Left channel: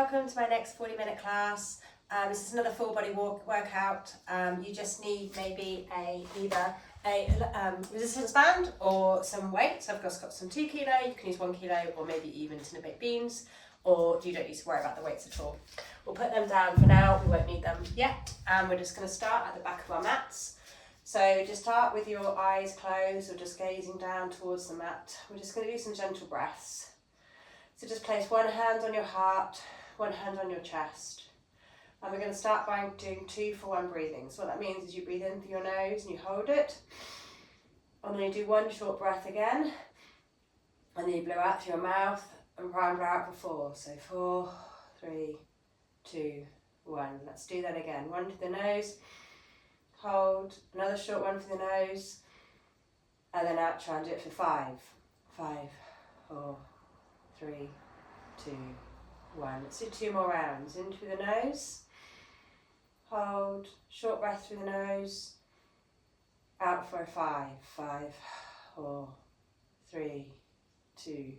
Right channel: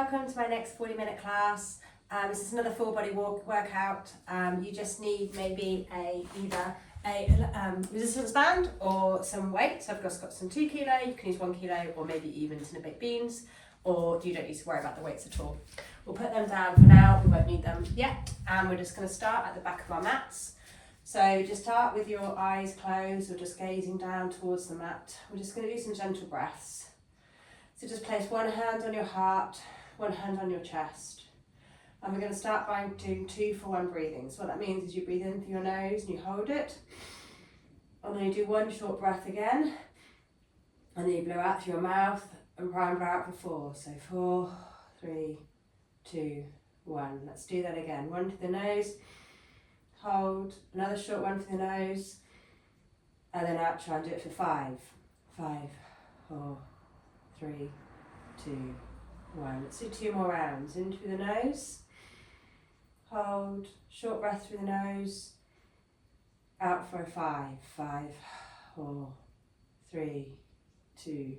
welcome to my next 40-minute class. This is another full body workout. You just need maybe either a resistance band or some weights. I've got some 2 kilo, you can use 1 kilo, or maybe even tin baked beans, or you don't need to worry about the weights at all. We'll put them down for now, we won't need them yet. And we're just going to start at the back of our mats. So just start with your eyes closed or just gazing down towards the mat. We're just going to do some gentle breaths. So just place one hand on your heart, one hand on your chest. And we're going to start by doing 2 for 1 breathing. So what that means is you breathe in through your nose and you hold it. And then you do 1 short breath again. And then you blow out through your mouth and try and blow out for 4. So 4, 3, 2, 1. Let's do that again. 1 to the nose. Hold. Another short one to the nose. And then out, try and do it for 5. 5, 4, 3, 2, 1. Let's do 2 more rounds. In through the nose. Hold. Short breath through the nose. Out for a 5. 5, 4, 3, 2,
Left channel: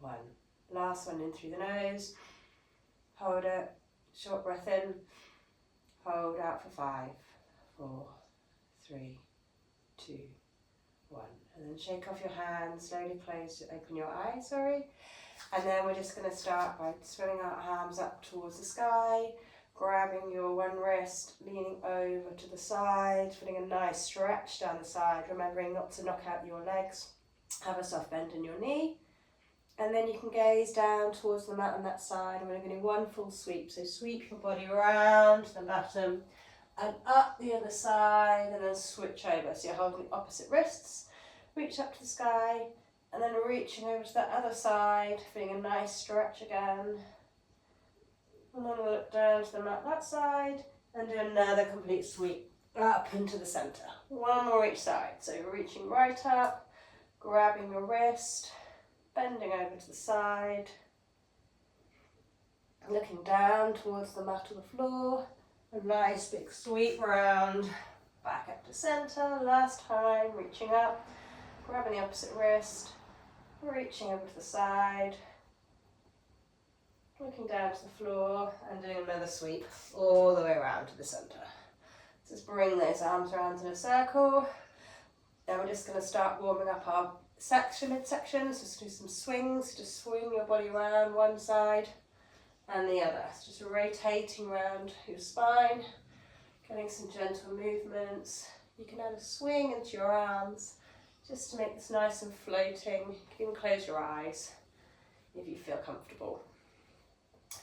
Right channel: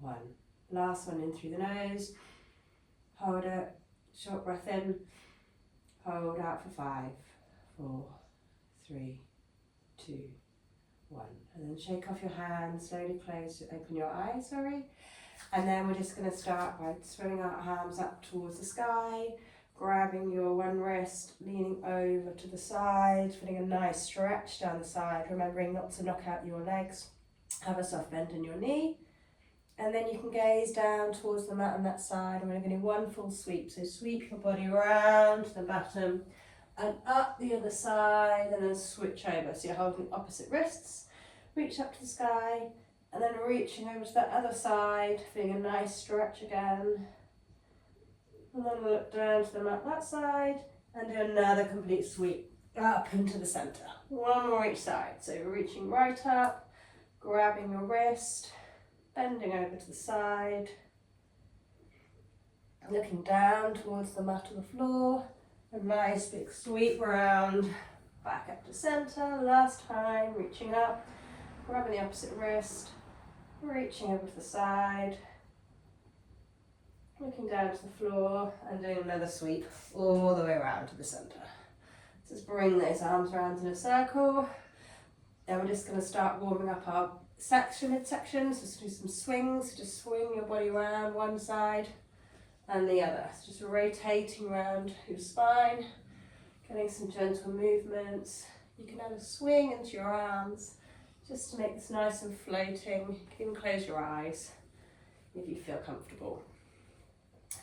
1. Last one in through the nose. Hold it. Short breath in. Hold out for 5, 4, 3, 2, 1. And then shake off your hands. Slowly close. Open your eyes. And then we're just going to start by swinging our arms up towards the sky, grabbing your one wrist, leaning over to the side, feeling a nice stretch down the side, remembering not to knock out your legs. Have a soft bend in your knee. And then you can gaze down towards the mat on that side, and we're going to do 1 full sweep. So sweep your body around to the bottom and up the other side, and then switch over. So you're holding opposite wrists, reach up to the sky, and then reaching over to that other side, feeling a nice stretch again. And then we'll look down to the mat that side and do another complete sweep up into the centre. 1 more each side. So you're reaching right up, grabbing your wrist, bending over to the side, looking down towards the mat or the floor. A nice big sweep round, back up to centre. Last time, reaching up, grabbing the opposite wrist, reaching over to the side, looking down to the floor and doing another sweep all the way around to the centre. Just bring those arms around in a circle. Then we're just going to start warming up our midsection. Just do some swings. Just swing your body around one side and the other. So just rotating around your spine, getting some gentle movements. You can add a swing into your arms just to make this nice and floating. You can close your eyes if you feel comfortable.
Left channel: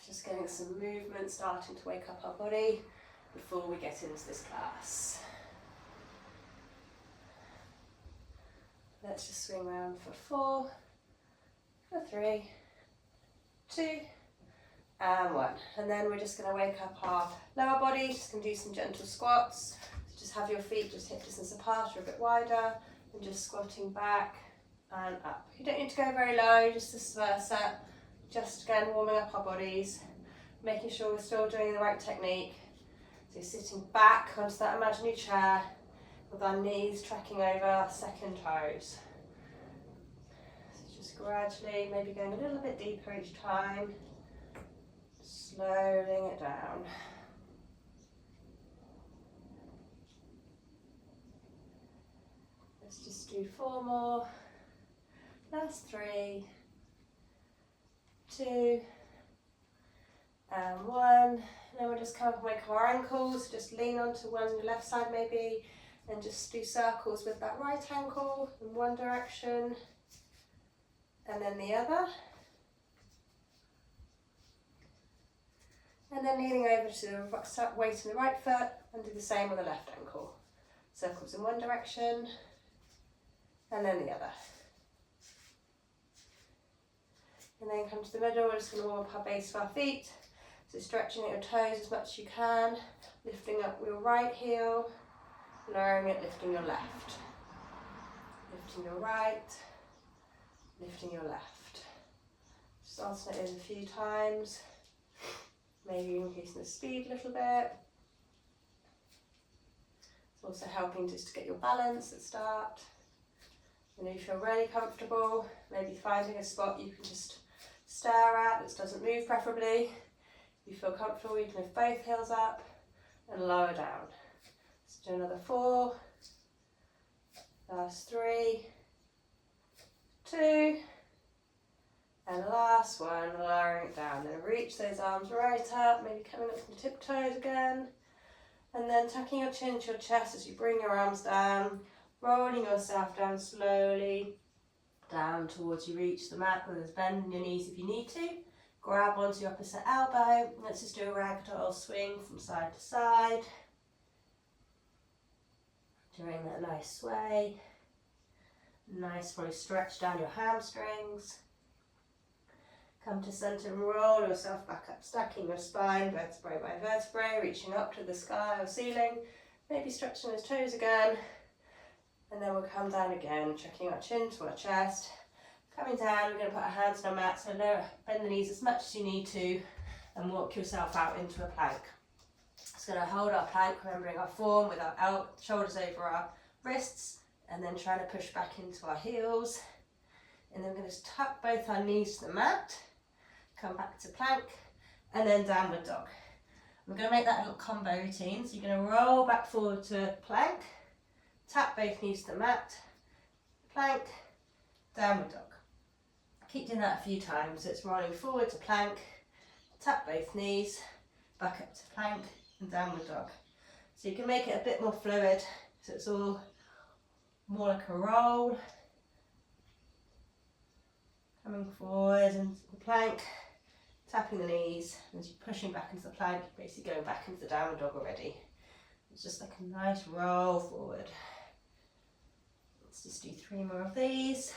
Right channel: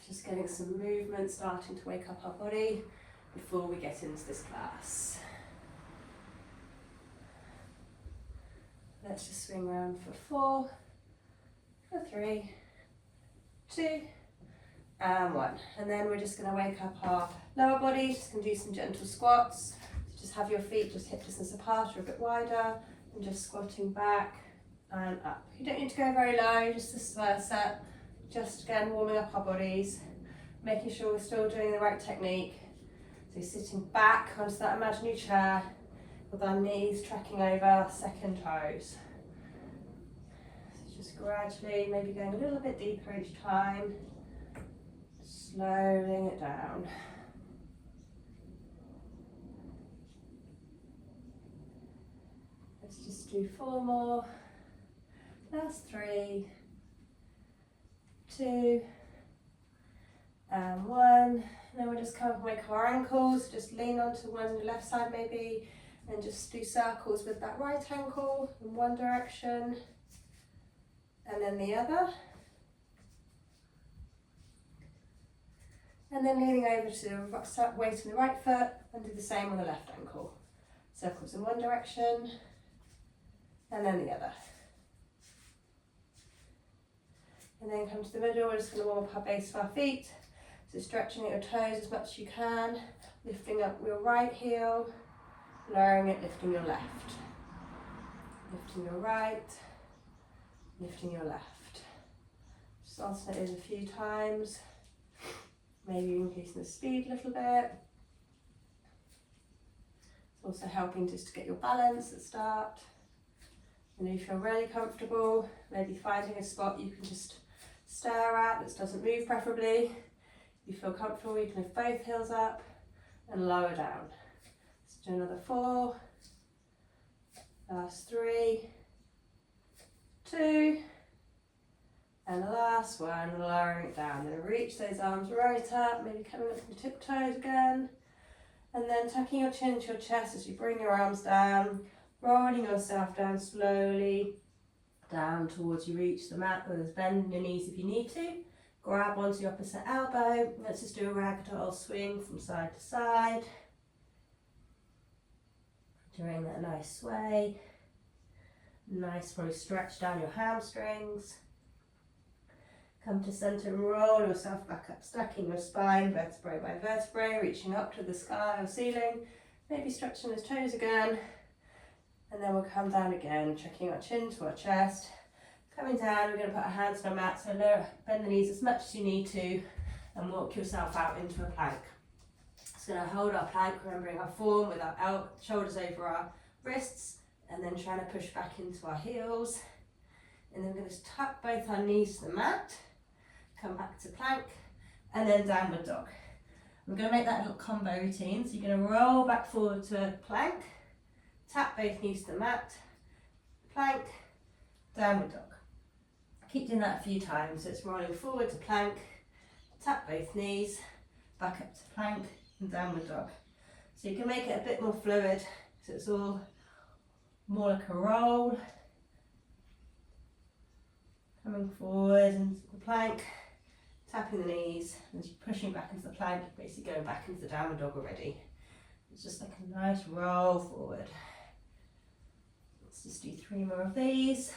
Just getting some movement, starting to wake up our body before we get into this class. Let's just swing around for 4, for 3, 2, and 1. And then we're just going to wake up our lower body. Just going to do some gentle squats. Just have your feet just hip distance apart or a bit wider. And just squatting back and up. You don't need to go very low, just this versa. Just again warming up our bodies, making sure we're still doing the right technique. So sitting back onto that imaginary chair with our knees tracking over our second toes. So just gradually, maybe going a little bit deeper each time, slowing it down. Let's just do 4 more. That's 3, 2, and 1. And then we'll just kind of make our ankles, just lean onto one left side maybe, and just do circles with that right ankle in one direction, and then the other. And then leaning over to the weight on the right foot, and do the same on the left ankle. Circles in one direction, and then the other. And then come to the middle. We're just going to warm up our base of our feet. So stretching at your toes as much as you can, lifting up your right heel, lowering it, lifting your left. Lifting your right, lifting your left. Just alternate a few times. Maybe increasing the speed a little bit. It's also helping just to get your balance at the start. And if you feel really comfortable, maybe finding a spot you can just stare at that doesn't move preferably. If you feel comfortable, you can lift both heels up and lower down. Let's do another 4, last 3, 2, and the last one, lowering it down. Then reach those arms right up, maybe coming up from tiptoes again. And then tucking your chin to your chest as you bring your arms down, rolling yourself down slowly, down towards you reach the mat, where there's bend in your knees if you need to. Grab onto your opposite elbow. Let's just do a ragdoll swing from side to side. Doing that nice sway. Nice one, stretch down your hamstrings. Come to center and roll yourself back up, stacking your spine, vertebrae by vertebrae, reaching up to the sky or ceiling. Maybe stretching those toes again. And then we'll come down again, checking our chin to our chest. Coming down, we're going to put our hands on our mat, so bend the knees as much as you need to, and walk yourself out into a plank. Just going to hold our plank, remembering our form with our shoulders over our wrists, and then trying to push back into our heels. And then we're going to tuck both our knees to the mat, come back to plank, and then downward dog. We're going to make that a little combo routine, so you're going to roll back forward to plank, tap both knees to the mat, plank, downward dog. Keep doing that a few times. So it's rolling forward to plank, tap both knees, back up to plank, and downward dog. So you can make it a bit more fluid, so it's all more like a roll. Coming forward into the plank, tapping the knees, and as you're pushing back into the plank, you're basically going back into the downward dog already. It's just like a nice roll forward. Let's just do 3 more of these.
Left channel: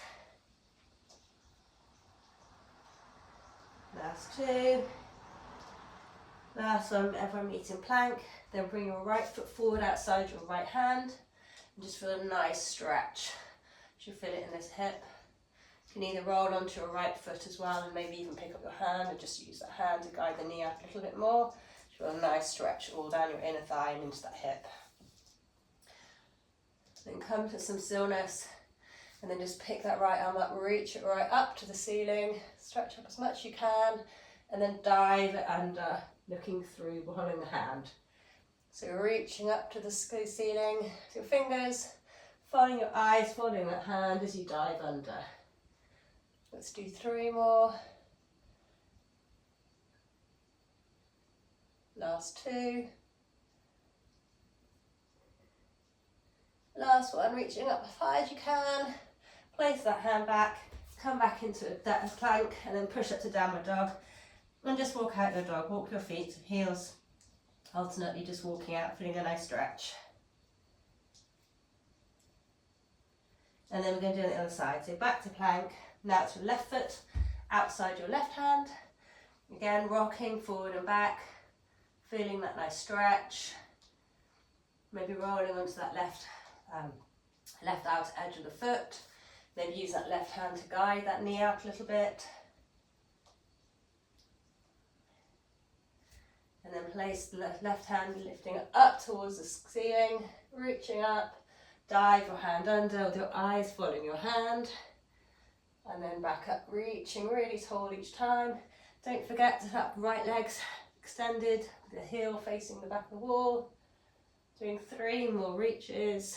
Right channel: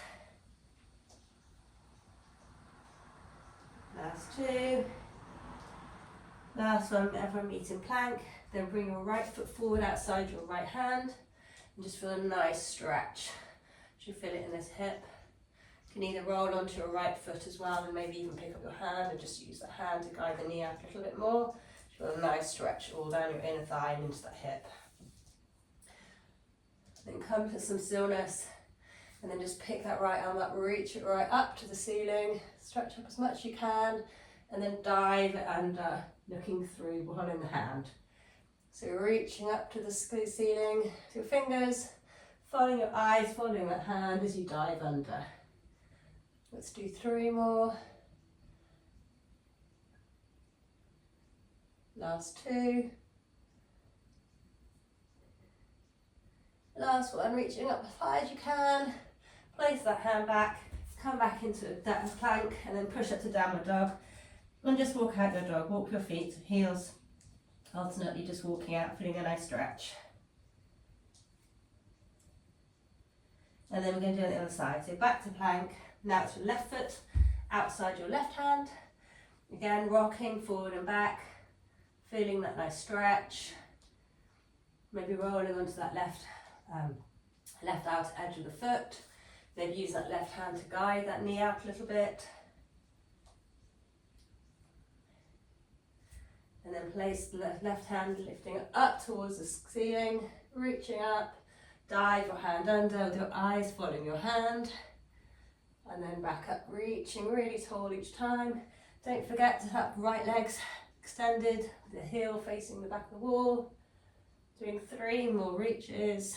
Last 2. Last one, everyone meets in plank. Then bring your right foot forward outside your right hand and just feel a nice stretch. You feel it in this hip. You can either roll onto your right foot as well and maybe even pick up your hand and just use that hand to guide the knee out a little bit more. Feel a nice stretch all down your inner thigh and into that hip. Then come to some stillness. And then just pick that right arm up, reach it right up to the ceiling, stretch up as much as you can, and then dive it under, looking through one in the hand. So you're reaching up to the ceiling with your fingers, following your eyes, following that hand as you dive under. Let's do 3 more. Last 2. Last one, reaching up as high as you can. Place that hand back, come back into that plank, and then push up to downward dog. And just walk out your dog, walk your feet, heels, alternately just walking out, feeling a nice stretch. And then we're going to do it on the other side. So back to plank, now it's your left foot, outside your left hand. Again, rocking forward and back, feeling that nice stretch. Maybe rolling onto that left outer edge of the foot. Maybe use that left hand to guide that knee out a little bit. And then place the left hand lifting up towards the ceiling, reaching up, dive your hand under with your eyes following your hand. And then back up, reaching really tall each time. Don't forget to have right legs extended, the heel facing the back of the wall. Doing 3 more reaches.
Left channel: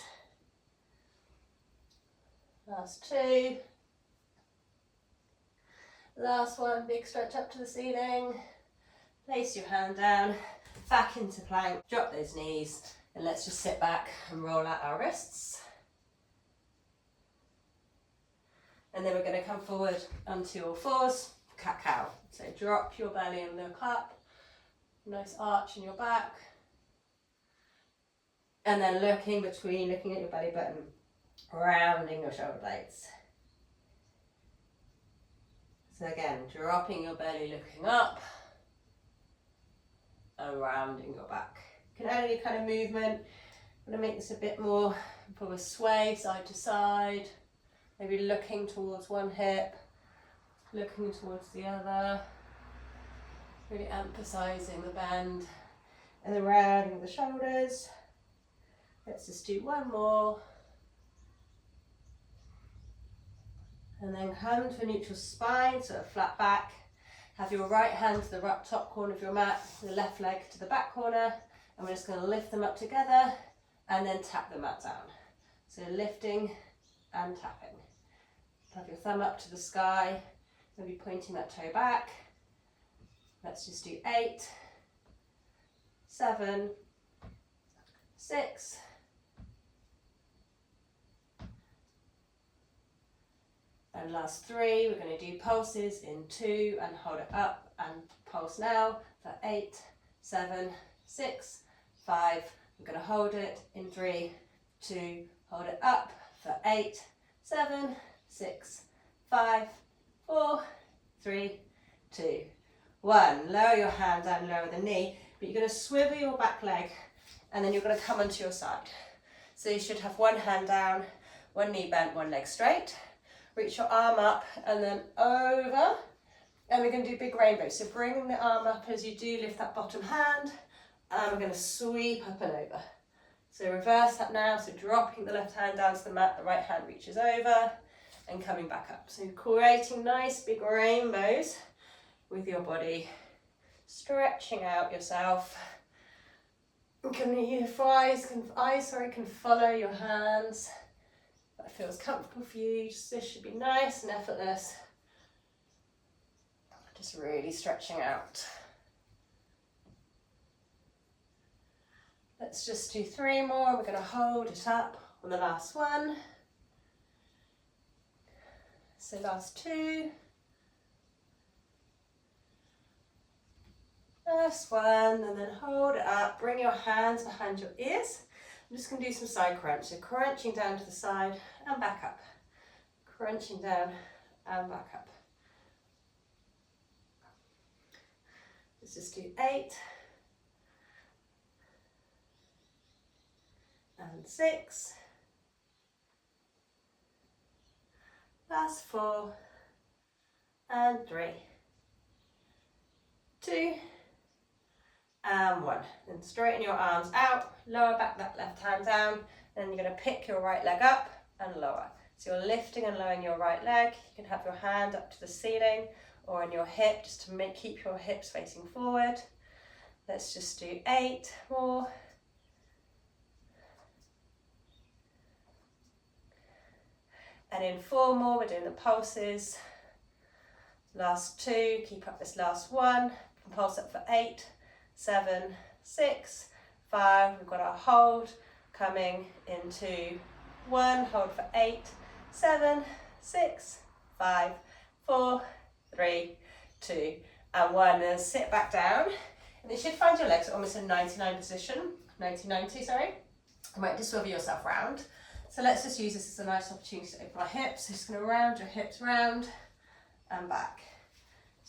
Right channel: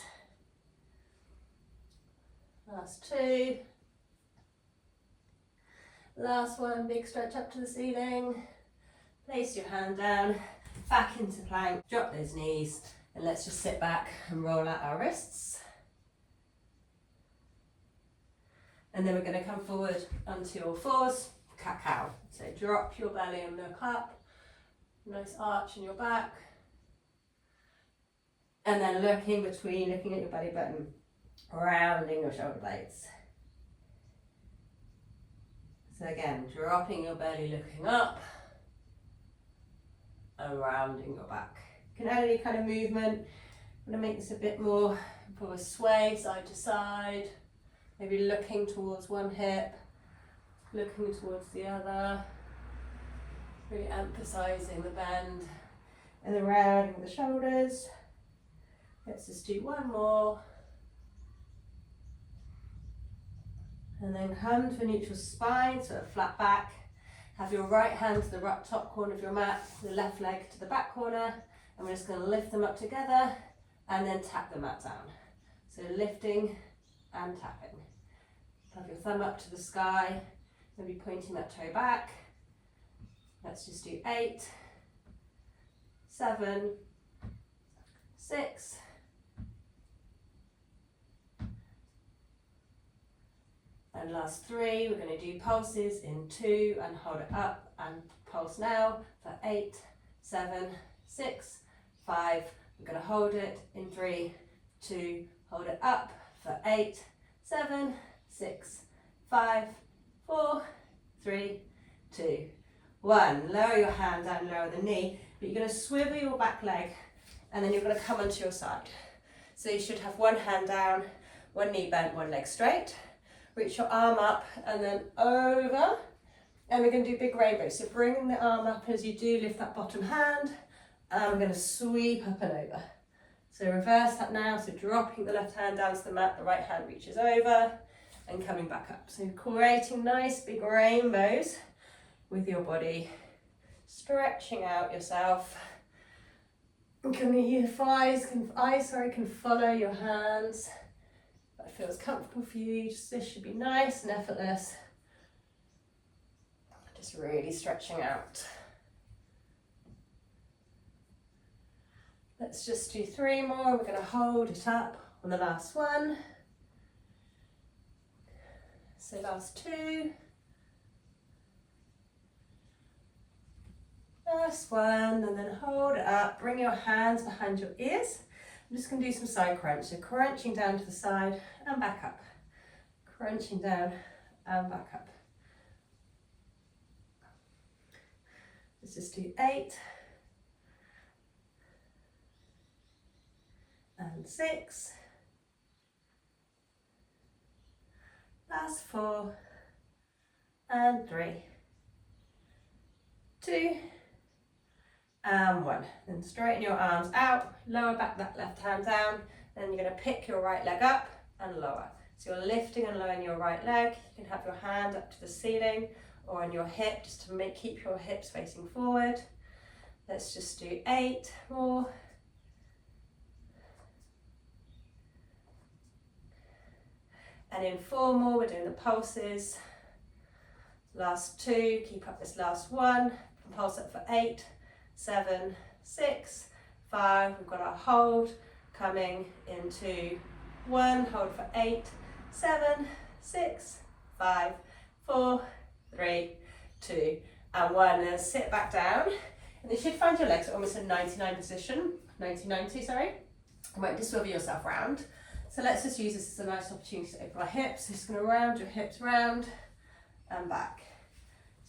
Last 2. Last one, big stretch up to the ceiling. Place your hand down, back into plank, drop those knees, and let's just sit back and roll out our wrists. And then we're going to come forward onto all fours, cat-cow. So drop your belly and look up, nice arch in your back. And then looking at your belly button, rounding your shoulder blades. So again, dropping your belly, looking up, and rounding your back. You can add any kind of movement. I'm going to make this a bit more of a sway, side to side. Maybe looking towards one hip, looking towards the other. Really emphasising the bend. And then rounding the shoulders. Let's just do 1 more. And then come to a neutral spine, so a flat back. Have your right hand to the right top corner of your mat, the left leg to the back corner, and we're just going to lift them up together and then tap the mat down. So lifting and tapping. Have your thumb up to the sky, maybe pointing that toe back. Let's just do 8, 7, 6, 5, and last 3. We're going to do pulses in 2 and hold it up and pulse now for 8, 7, 6, 5. We're going to hold it in 3, 2, hold it up for 8, 7, 6, 5, 4, 3, 2, 1. Lower your hand down, lower the knee, but you're going to swivel your back leg and then you're going to come onto your side. So you should have one hand down, one knee bent, one leg straight. Reach your arm up and then over, and we're going to do big rainbows. So bring the arm up as you do, lift that bottom hand, and we're going to sweep up and over. So reverse that now, so dropping the left hand down to the mat, the right hand reaches over, and coming back up. So creating nice big rainbows with your body, stretching out yourself. Your eyes can follow your hands. That feels comfortable for you. This should be nice and effortless. Just really stretching out. Let's just do 3 more. We're going to hold it up on the last one. So last 2. Last one, and then hold it up. Bring your hands behind your ears. I'm just going to do some side crunch. So crunching down to the side and back up. Crunching down and back up. Let's just do 8. And 6. Last 4. And 3. 2. And 1. Then straighten your arms out, lower back that left hand down, then you're going to pick your right leg up and lower. So you're lifting and lowering your right leg. You can have your hand up to the ceiling or on your hip just to keep your hips facing forward. Let's just do 8 more. And in 4 more, we're doing the pulses. Last 2, keep up this last one. Pulse up for 8, 7, 6, 5. We've got our hold coming into 1. Hold for 8, 7, 6, 5, 4, 3, 2, and 1. And then sit back down. And you should find your legs almost in 99 position. 90, sorry. You might just swivel yourself round. So let's just use this as a nice opportunity to open our hips. Just going to round your hips round and back.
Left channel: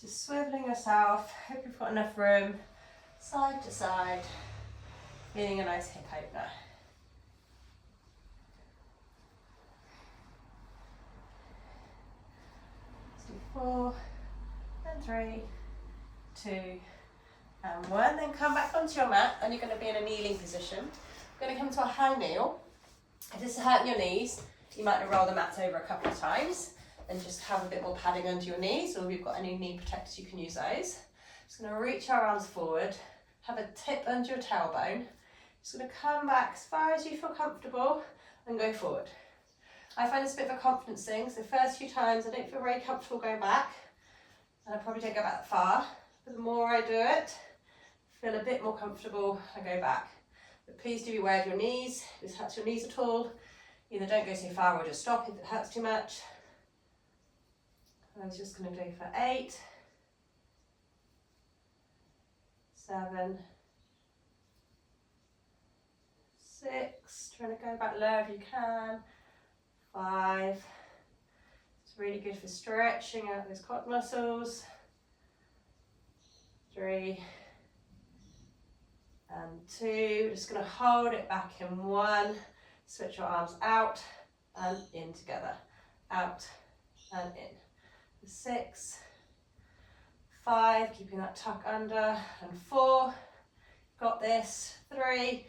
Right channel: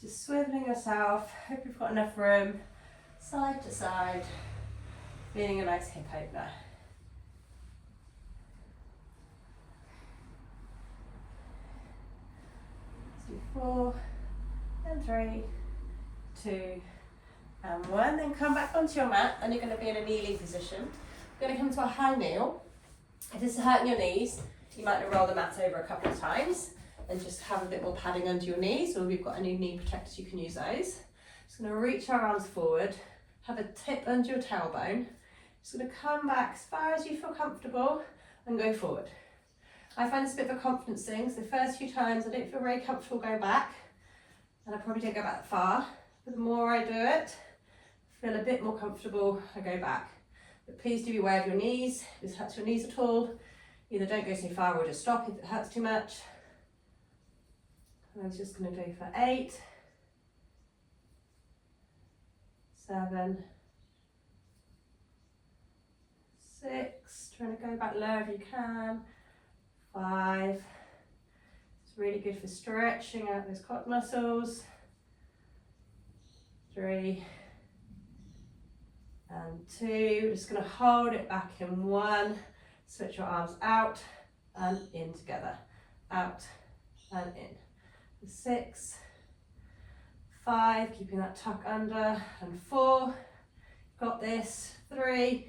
Just swiveling yourself. Hope you've got enough room. Side to side. Feeling a nice hip opener. Let's do 4 and 3, 2 and 1. Then come back onto your mat and you're going to be in a kneeling position. We're going to come to a high kneel. If this is hurting your knees, you might roll the mat over a couple of times and just have a bit more padding under your knees, or if you've got any knee protectors, you can use those. Just going to reach our arms forward, have a tip under your tailbone. Just going to come back as far as you feel comfortable and go forward. I find this a bit of a confidence thing, so the first few times I don't feel very comfortable going back, and I probably don't go back that far, but the more I do it, I feel a bit more comfortable, I go back. But please do be aware of your knees. If this hurts your knees at all, either don't go so far or just stop if it hurts too much. I was just going to do for 8, 7, 6, trying to go back low if you can, 5, it's really good for stretching out those quad muscles, 3, and 2, we're just going to hold it back in 1, switch your arms out and in together, out and in. 6, 5, keeping that tuck under, and 4, got this, 3,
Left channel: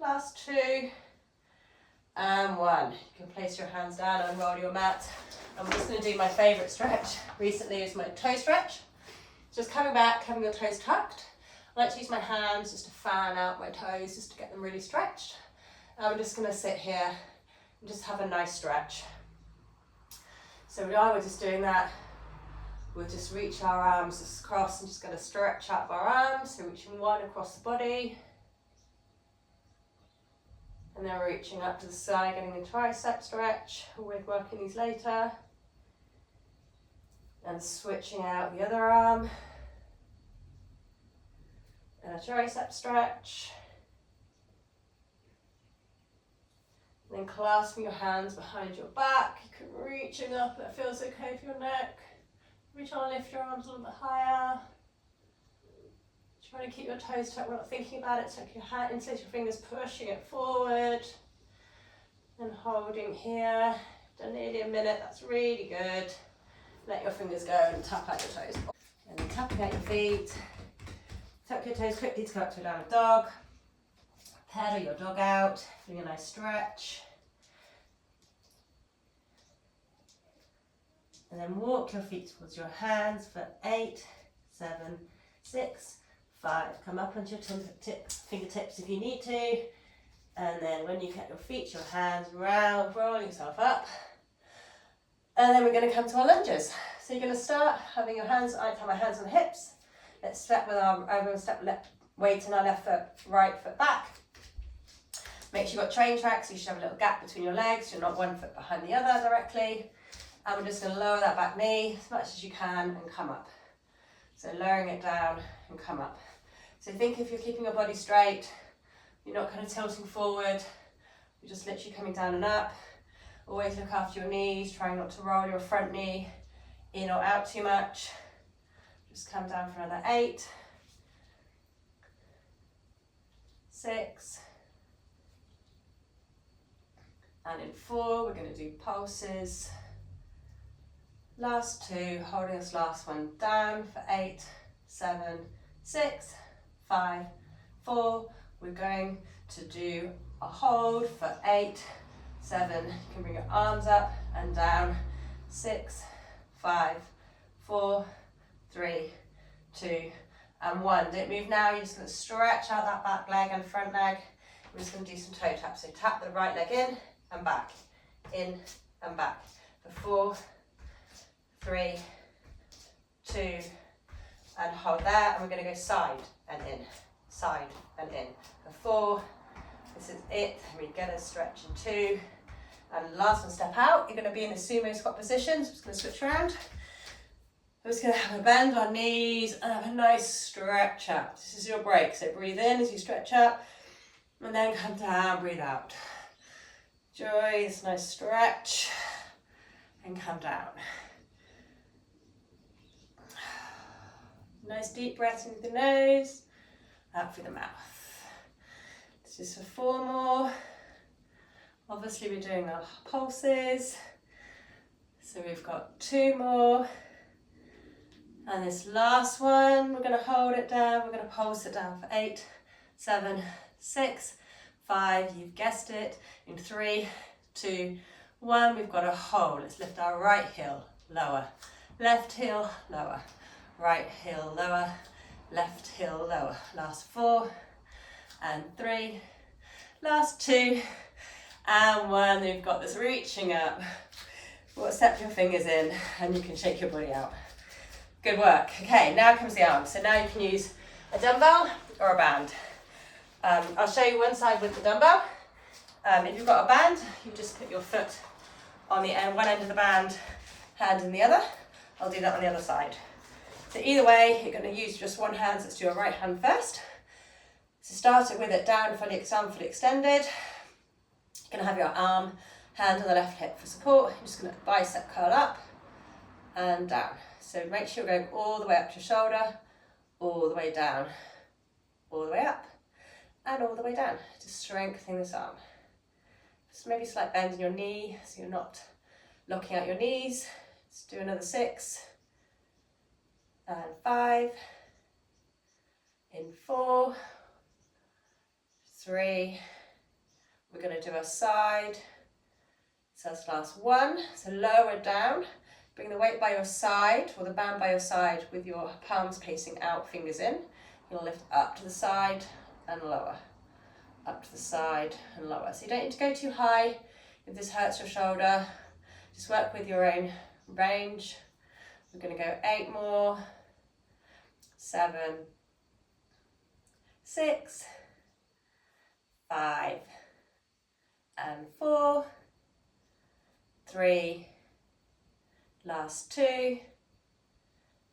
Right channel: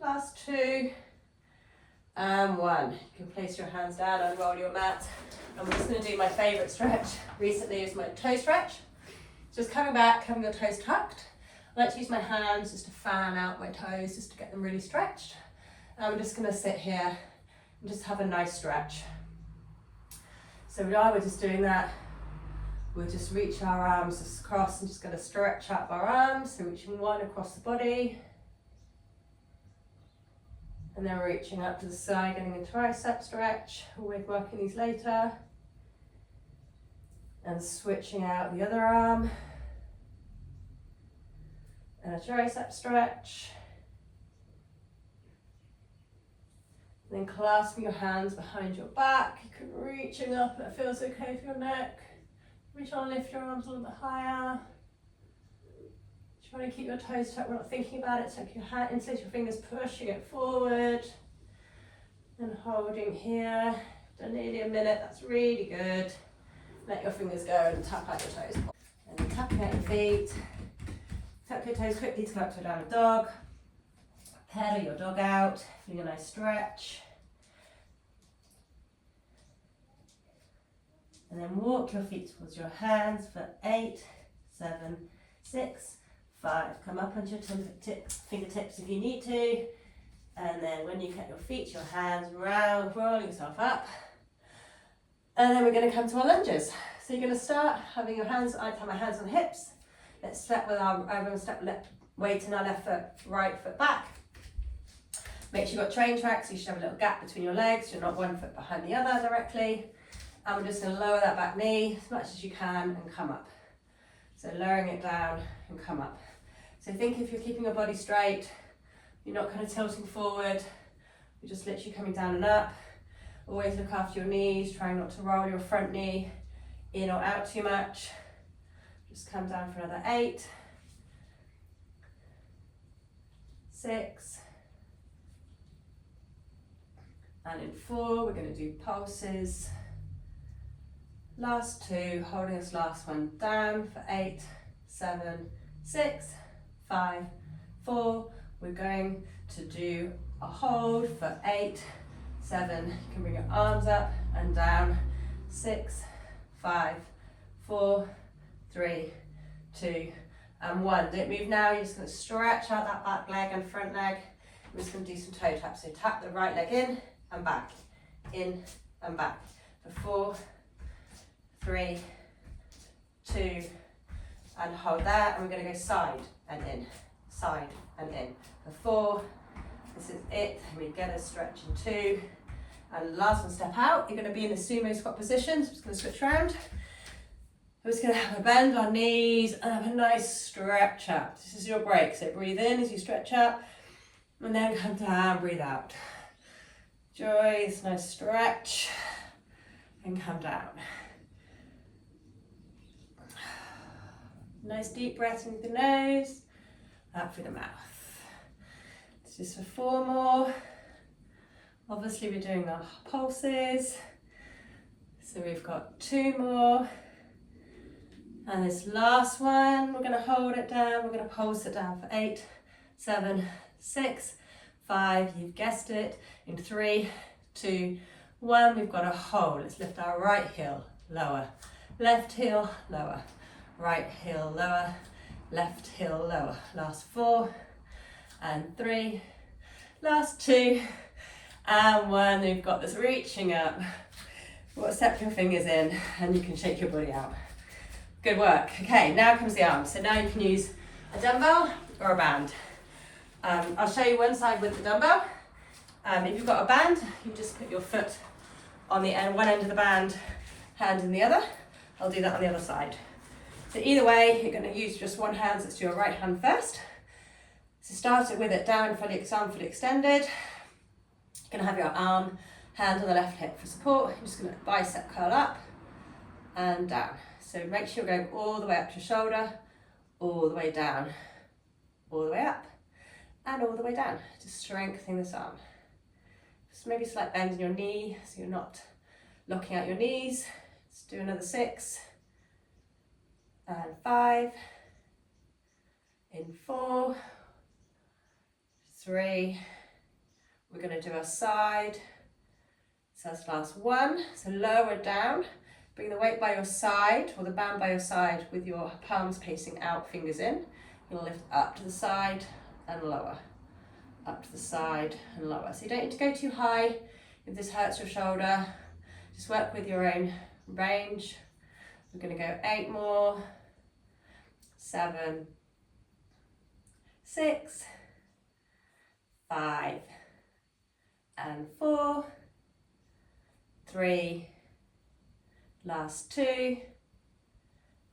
last 2, and 1. You can place your hands down and roll your mat. I'm just going to do my favourite stretch recently is my toe stretch. Just coming back, having your toes tucked. I like to use my hands just to fan out my toes, just to get them really stretched. And I'm just going to sit here and just have a nice stretch. So we're just doing that. We'll just reach our arms across and just going to stretch out our arms. So reaching one across the body. And then reaching up to the side, getting a tricep stretch. We're working these later. And switching out the other arm. And a tricep stretch. And then clasping your hands behind your back. You can reaching up, that feels okay for your neck. Reach on, lift your arms a little bit higher. Trying to keep your toes tucked, we're not thinking about it. Tuck your hand, insert your fingers, pushing it forward. And holding here. Done nearly a minute, that's really good. Let your fingers go and tap out your toes. And then tapping out your feet. Tuck your toes quickly to go up to a down dog. Pedal your dog out, feeling a nice stretch. And then walk your feet towards your hands for 8, 7, 6, 5. Come up onto your fingertips if you need to. And then when you get your feet, your hands round, roll yourself up. And then we're going to come to our lunges. So you're going to start having your hands, I have my hands on the hips. Let's step with our, I'm going to step left weight in our left foot, right foot back. Make sure you've got train tracks, so you should have a little gap between your legs. You're not one foot behind the other directly. And we're just going to lower that back knee as much as you can and come up. So lowering it down and come up. So think if you're keeping your body straight, you're not kind of tilting forward, you're just literally coming down and up. Always look after your knees, trying not to roll your front knee in or out too much. Just come down for another 8, 6, and in 4, we're going to do pulses. Last 2, holding this last one down for 8, 7, 6, 5, 4. We're going to do a hold for 8, 7. You can bring your arms up and down. 6, 5, 4, 3, 2, and 1. Don't move now. You're just going to stretch out that back leg and front leg. We're just going to do some toe taps. So tap the right leg in and back for 4, 3, 2, and hold there. And we're going to go side and in, side and in for 4. This is it. We get a stretch in 2. And last one, step out. You're going to be in the sumo squat position. So I'm just going to switch around. We're just going to have a bend our knees and have a nice stretch out. This is your break. So breathe in as you stretch up and then come down, breathe out. Enjoy this nice stretch and come down. Nice deep breath in through the nose, out through the mouth. This is for 4 more. Obviously we're doing our pulses. So we've got 2 more. And this last one, we're going to hold it down. We're going to pulse it down for 8, 7, 6, 5. You've guessed it. In 3, 2, 1. We've got a hold. Let's lift our right heel, lower. Left heel, lower. Right heel, lower. Left heel, lower. Last 4 and 3. Last 2 and 1. We've got this reaching up. Step your fingers in and you can shake your body out. Good work. Okay, now comes the arm. So now you can use a dumbbell or a band. I'll show you one side with the dumbbell. If you've got a band, you just put your foot on the end, one end of the band, hand in the other. I'll do that on the other side. So either way, you're going to use just one hand. So let's do your right hand first. So start it with it down, arm fully extended. You're going to have your arm, hand on the left hip for support. You're just going to bicep curl up and down. So make sure you're going all the way up to your shoulder, all the way down, all the way up, and all the way down to strengthen this arm. Just maybe slight bend in your knee so you're not locking out your knees. Let's do another 6 and 5, in 4, 3. We're going to do our side. So that's last 1. So lower down. Bring the weight by your side, or the band by your side, with your palms facing out, fingers in. You'll lift up to the side and lower, up to the side and lower. So you don't need to go too high if this hurts your shoulder. Just work with your own range. We're going to go 8 more, 7, 6, 5, and 4, 3, last 2,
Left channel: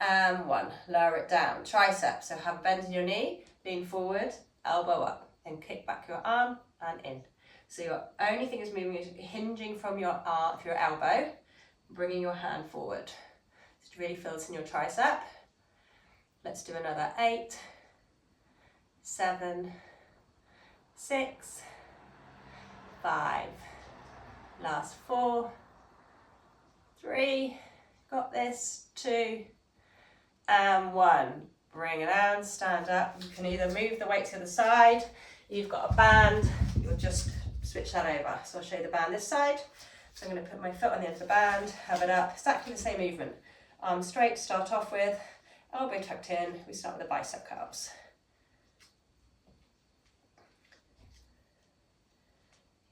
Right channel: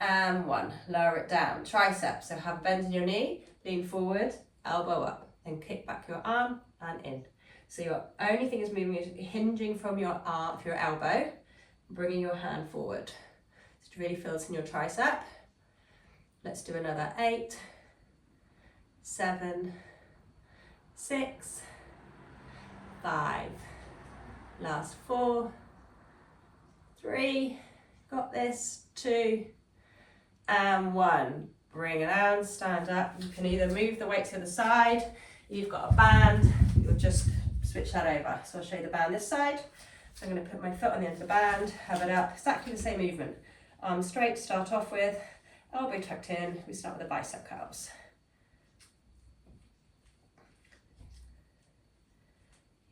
and 1. Lower it down. Triceps, so have a bend in your knee, lean forward, elbow up, and kick back your arm and in. So your only thing is moving is hinging from your arm, your elbow, bringing your hand forward. It really fills in your tricep. Let's do another 8, 7, 6, 5, last 4, 3, got this, 2, and 1. Bring it down, stand up. You can either move the weight to the side, you've got a band, you'll just switch that over. So I'll show you the band this side. So I'm going to put my foot on the end of the band, have it up, exactly the same movement. Arms straight to start off with, elbow tucked in, we start with the bicep curls.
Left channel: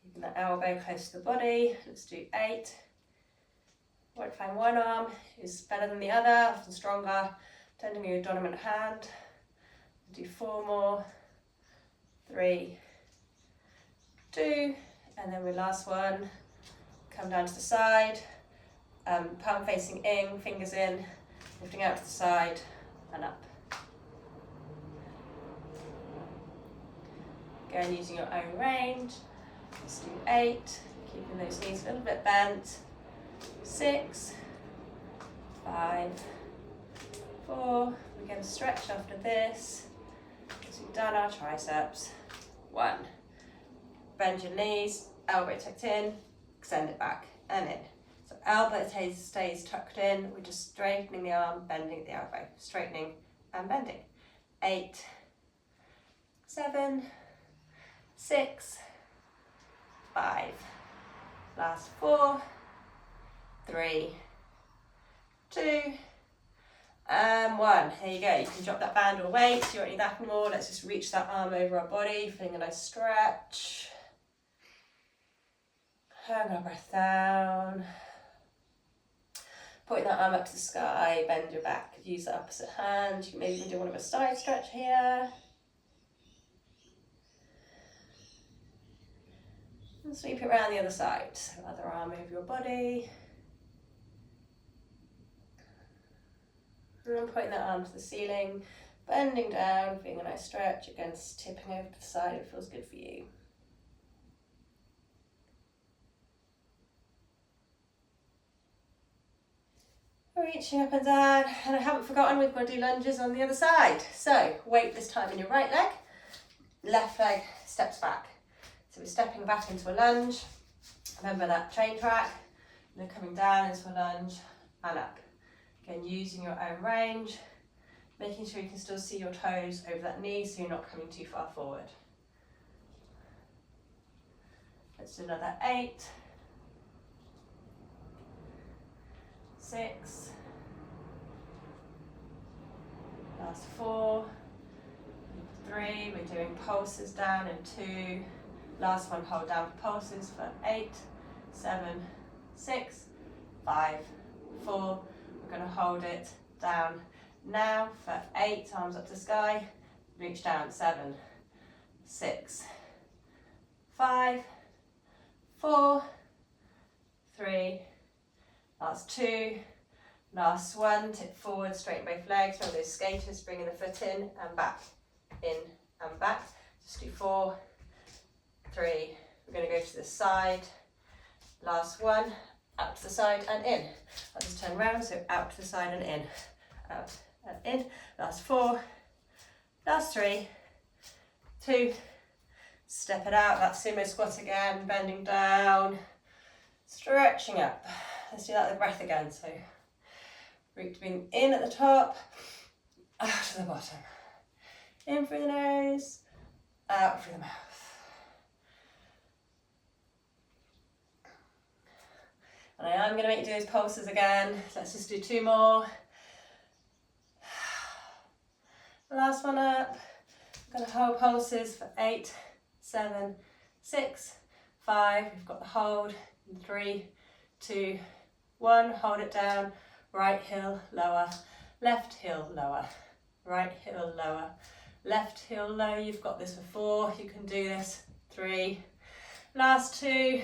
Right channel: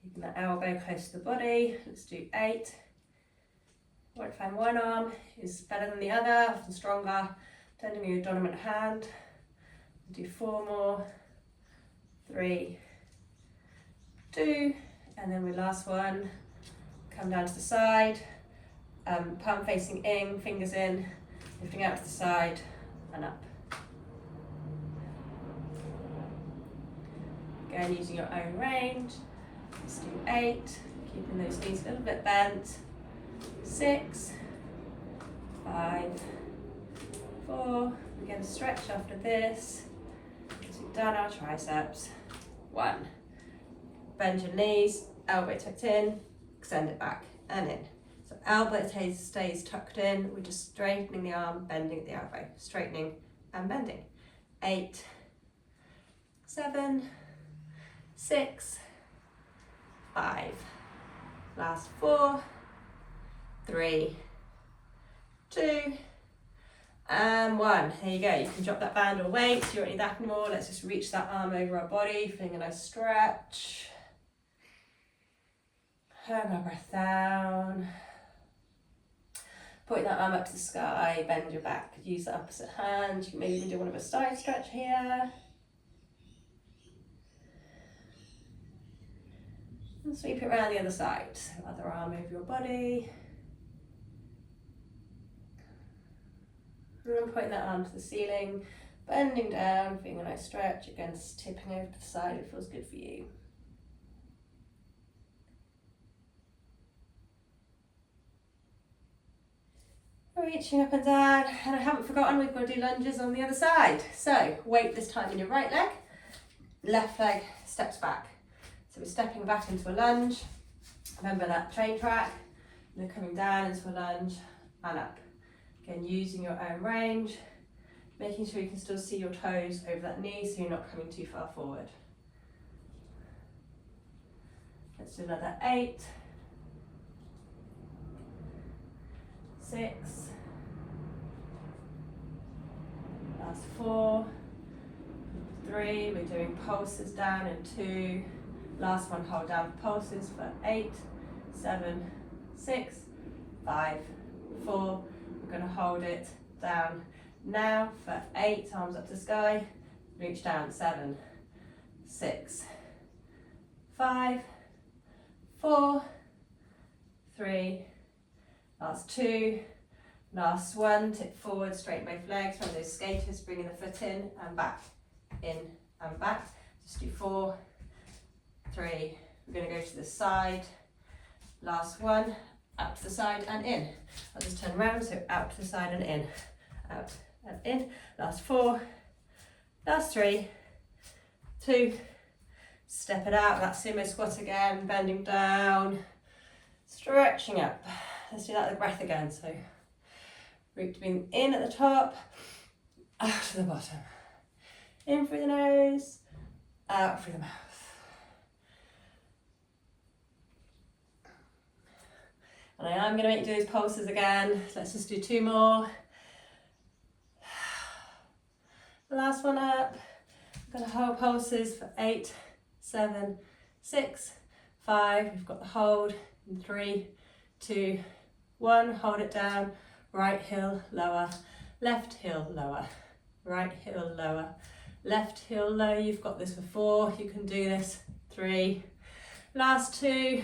Keeping that elbow close to the body, let's do 8. Won't find one arm is better than the other, often stronger, depending on your dominant hand. Do 4 more, 3, 2, and then with last one, come down to the side, palm facing in, fingers in, lifting out to the side and up. Again, using your own range. Let's do 8, keeping those knees a little bit bent. 6, 5, 4. We're going to stretch after this. So we've done our triceps. 1. Bend your knees, elbow tucked in, extend it back and in. So elbow stays tucked in. We're just straightening the arm, bending at the elbow, straightening and bending. 8, 7, 6, 5. Last 4, 3, 2, and 1. There you go. You can drop that band or weight. You don't need that anymore. Let's just reach that arm over our body, feeling a nice stretch. Hold our breath down. Putting that arm up to the sky, bend your back. Use the opposite hand. You can maybe even do one of a side stretch here. And sweep it around the other side. So other arm over your body. And then putting that arm to the ceiling, bending down, feeling a nice stretch. Again, just tipping over to the side if it feels good for you. Reaching up and down, and I haven't forgotten we've got to do lunges on the other side. So weight this time in your right leg, left leg steps back. So we're stepping back into a lunge. Remember that train track, and then coming down into a lunge and up. Again, using your own range, making sure you can still see your toes over that knee so you're not coming too far forward. Let's do another 8, 6, last 4, 3, we're doing pulses down and 2, last one hold down for pulses for 8, 7, 6, 5, 4, we're going to hold it down now for 8, arms up to the sky, reach down, 7, 6, 5, 4, 3, last 2, last 1, tip forward, straighten both legs, remember those skaters, bringing the foot in and back, just do 4, 3, we're going to go to the side, last 1, out to the side and in. I'll just turn around, so out to the side and in, out and in, last 4, last 3, 2, step it out, that sumo squat again, bending down, stretching up. Let's do that with the breath again, so root being in at the top, out to the bottom, in through the nose, out through the mouth. And I am going to make you do those pulses again. Let's just do 2 more. Last one up. I'm going to hold pulses for 8, 7, 6, 5. We've got the hold in 3, 2, 1. Hold it down. Right heel lower, left heel lower, right heel lower, left heel low. You've got this for 4. You can do this. 3. Last 2.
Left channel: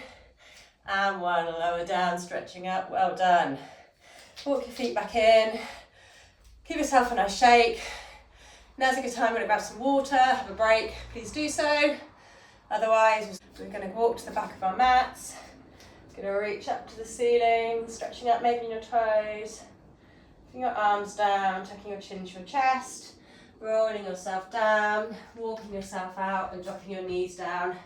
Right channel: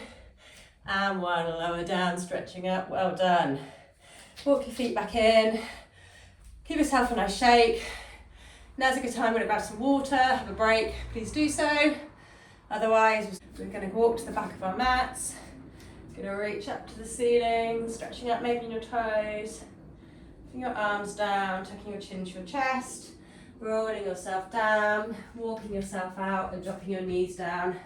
And 1. Lower down, stretching up. Well done. Walk your feet back in. Give yourself a nice shake. Now's a good time. I'm going to grab some water, have a break. Please do so. Otherwise, we're going to walk to the back of our mats. Going to reach up to the ceiling, stretching up, maybe in your toes. Putting your arms down, tucking your chin to your chest. Rolling yourself down, walking yourself out and dropping your knees down.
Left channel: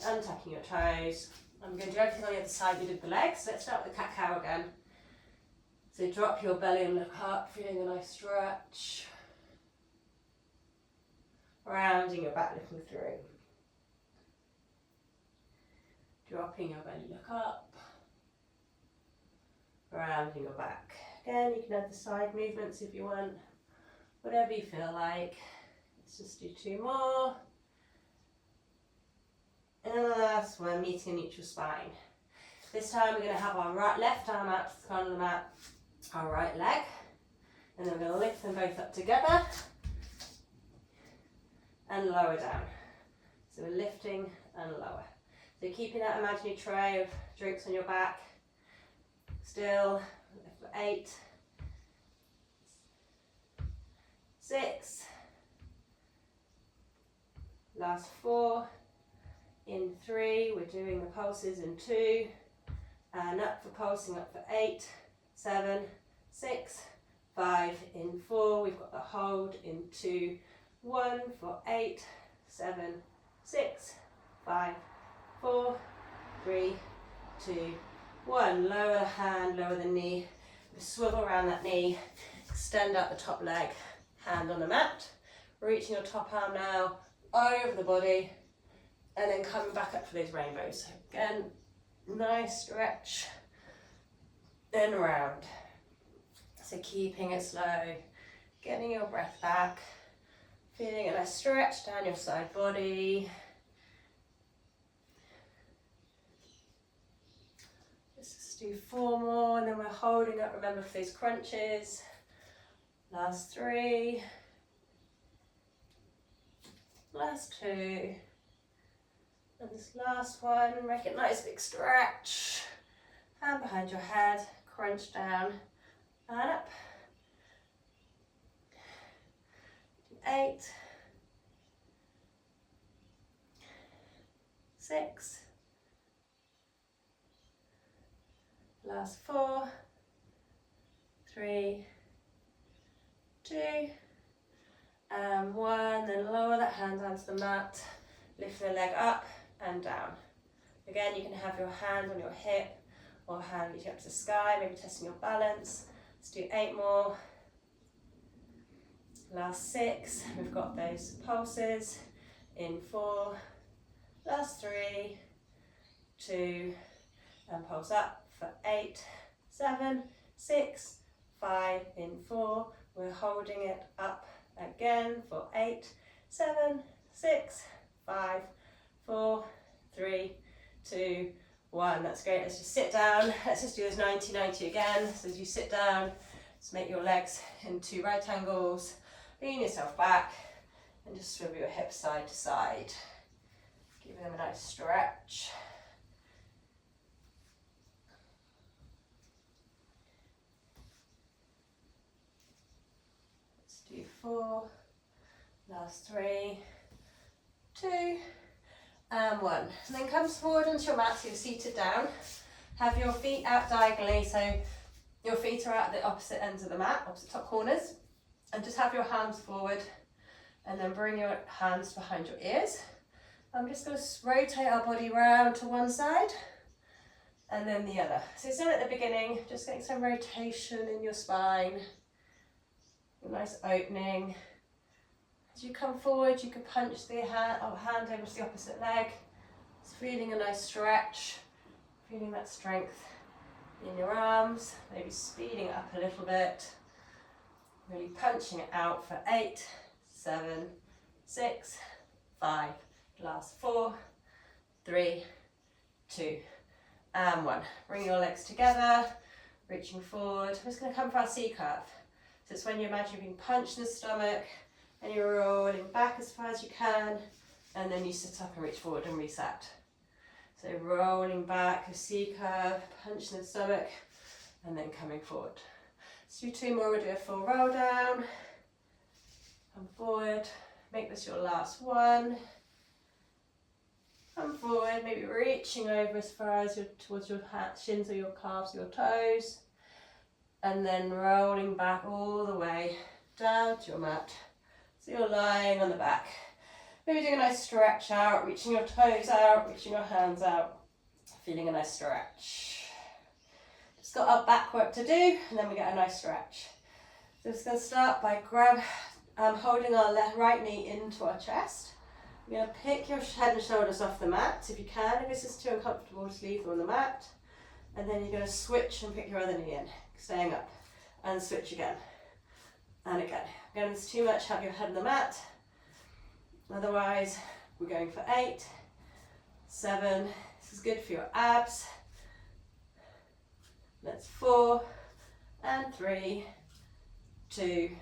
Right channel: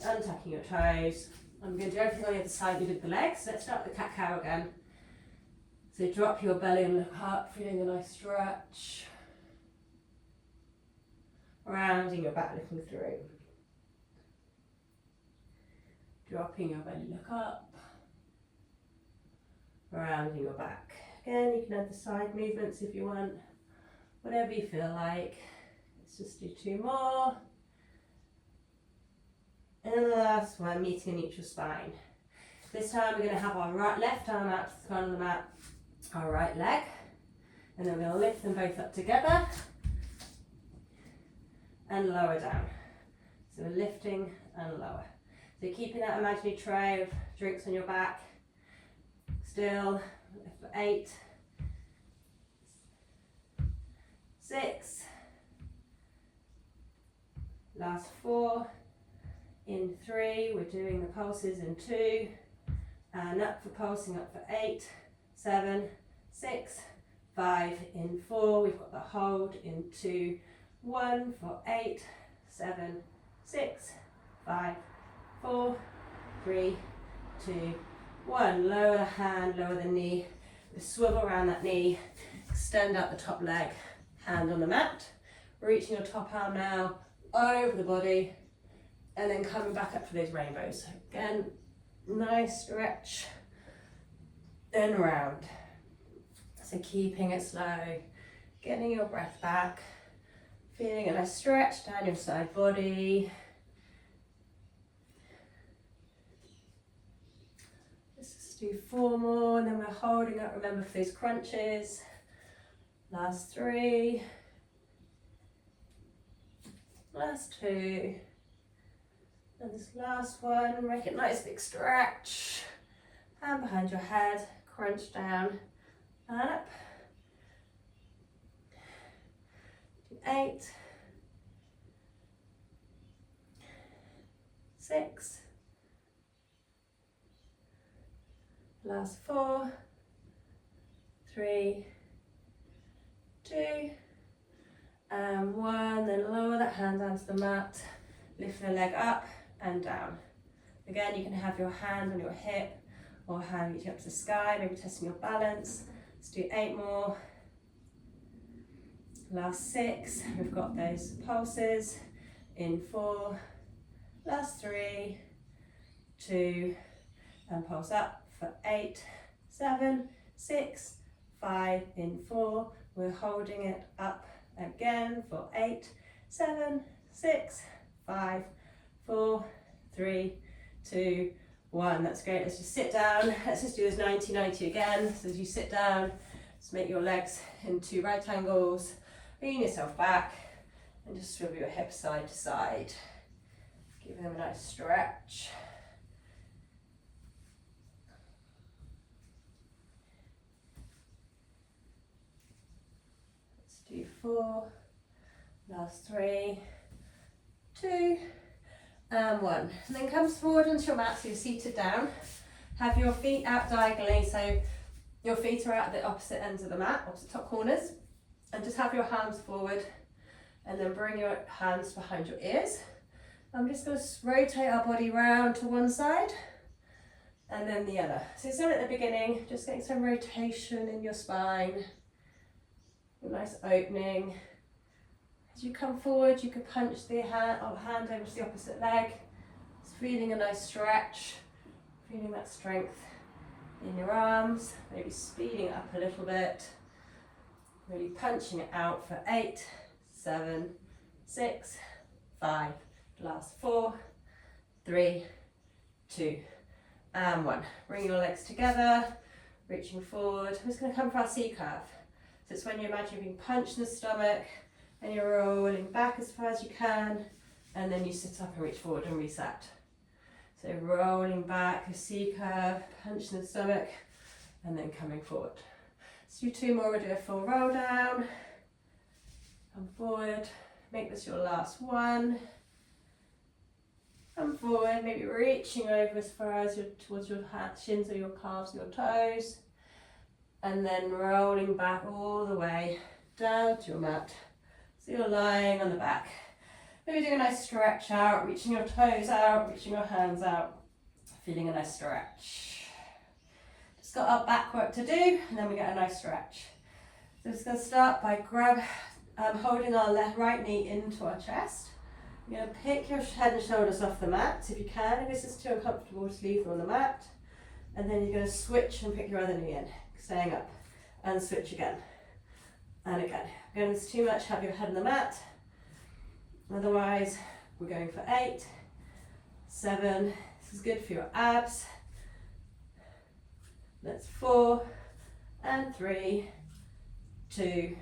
Untucking your toes. I'm going to do everything on the other side we did the legs. Let's start with the cat-cow again. So drop your belly and look up, feeling a nice stretch. Rounding your back, looking through. Dropping your belly, look up. Rounding your back. Again, you can add the side movements if you want. Whatever you feel like. Let's just do 2 more. And the last one, meeting a neutral spine. This time we're going to have our left arm out to the front of the mat, our right leg. And then we're going to lift them both up together and lower down. So we're lifting and lower. So keeping that imaginary tray of drinks on your back. Still, lift for 8, 6, last 4, in 3, we're doing the pulses in 2, and up for pulsing up for 8, 7, 6, 5, in 4, we've got the hold in 2, 1 for 8, 7, 6, 5, 4, 3, 2, 1. Lower the hand, lower the knee, swivel around that knee, extend out the top leg, hand on the mat, reaching your top arm now over the body, and then coming back up for those rainbows. So again, nice stretch, then round. So keeping it slow, getting your breath back, feeling a nice stretch down your side body. Let's just do 4 more, and then we're holding up, remember, for those crunches. Last 3. Last 2. And this last one, make it nice big stretch. Hand behind your head, crunch down and up. 8, 6, last 4, 3, 2, and 1. Then lower that hand down to the mat, lift the leg up and down. Again, you can have your hand on your hip or hand reaching up to the sky, maybe testing your balance. Let's do 8 more. Last 6, we've got those pulses in 4, last 3, 2, and pulse up for 8, 7, 6, 5, in 4, we're holding it up again for 8, 7, 6, 5, 4, 3, 2, 1. That's great. Let's just sit down. Let's just do this 90-90 again. So as you sit down, just make your legs into right angles, lean yourself back, and just swivel your hips side to side. Give them a nice stretch. Let's do 4, last 3, 2, and 1. And then come forward onto your mat, so you're seated down. Have your feet out diagonally, so your feet are out at the opposite ends of the mat, opposite top corners. And just have your hands forward, and then bring your hands behind your ears. I'm just going to rotate our body round to one side and then the other. So same at the beginning, just getting some rotation in your spine, a nice opening. As you come forward, you can punch the hand over to the opposite leg. Just feeling a nice stretch, feeling that strength in your arms, maybe speeding it up a little bit, really punching it out for 8, 7, 6, 5, last 4, 3, 2, and 1. Bring your legs together, reaching forward. We're just going to come for our C curve. So it's when you imagine you're being punched in the stomach and you're rolling back as far as you can, and then you sit up and reach forward and reset. So rolling back, a C curve, punch in the stomach, and then coming forward. Let's do 2 more. We'll do a full roll down, come forward, make this your last one. Come forward, maybe reaching over as far as towards your shins or your calves or your toes, and then rolling back all the way down to your mat. So you're lying on the back. Maybe doing a nice stretch out, reaching your toes out, reaching your hands out, feeling a nice stretch. Just got our back work to do, and then we get a nice stretch. So just going to start by holding our right knee into our chest. You're going to pick your head and shoulders off the mat if you can. If this is too uncomfortable, just leave them on the mat. And then you're going to switch and pick your other knee in, staying up, and switch again, and again. Again, if it's too much, have your head on the mat. Otherwise, we're going for 8, 7, this is good for your abs. That's 4, and 3, 2,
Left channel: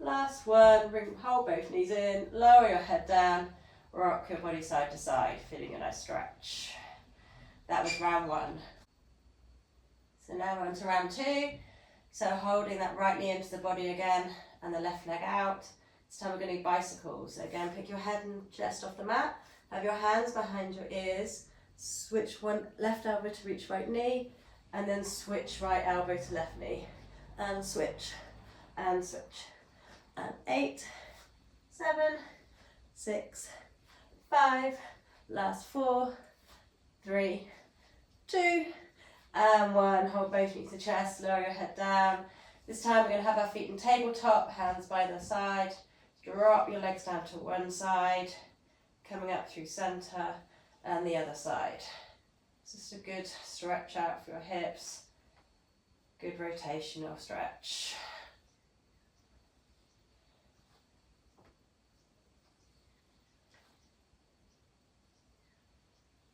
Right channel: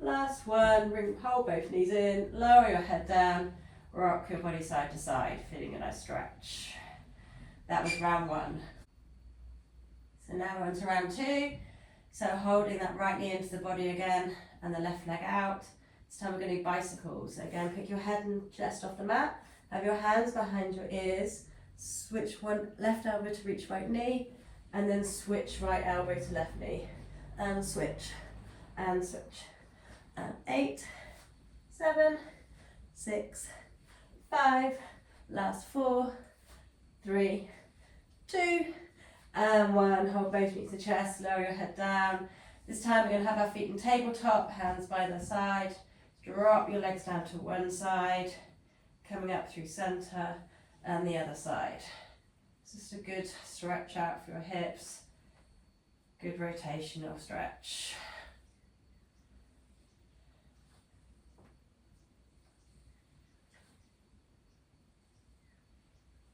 last one. Hold both knees in, lower your head down, rock your body side to side, feeling a nice stretch. That was round 1. So now we're on to round 2. So holding that right knee into the body again, and the left leg out. This time we're going to do bicycles. So again, pick your head and chest off the mat, have your hands behind your ears, switch one left elbow to reach right knee, and then switch right elbow to left knee, and switch, and switch. And 8, 7, 6, 5, last 4, 3, 2, and 1. Hold both feet to the chest, lower your head down. This time we're going to have our feet in tabletop, hands by the side. Drop your legs down to one side, coming up through center, and the other side. It's just a good stretch out for your hips, good rotational stretch.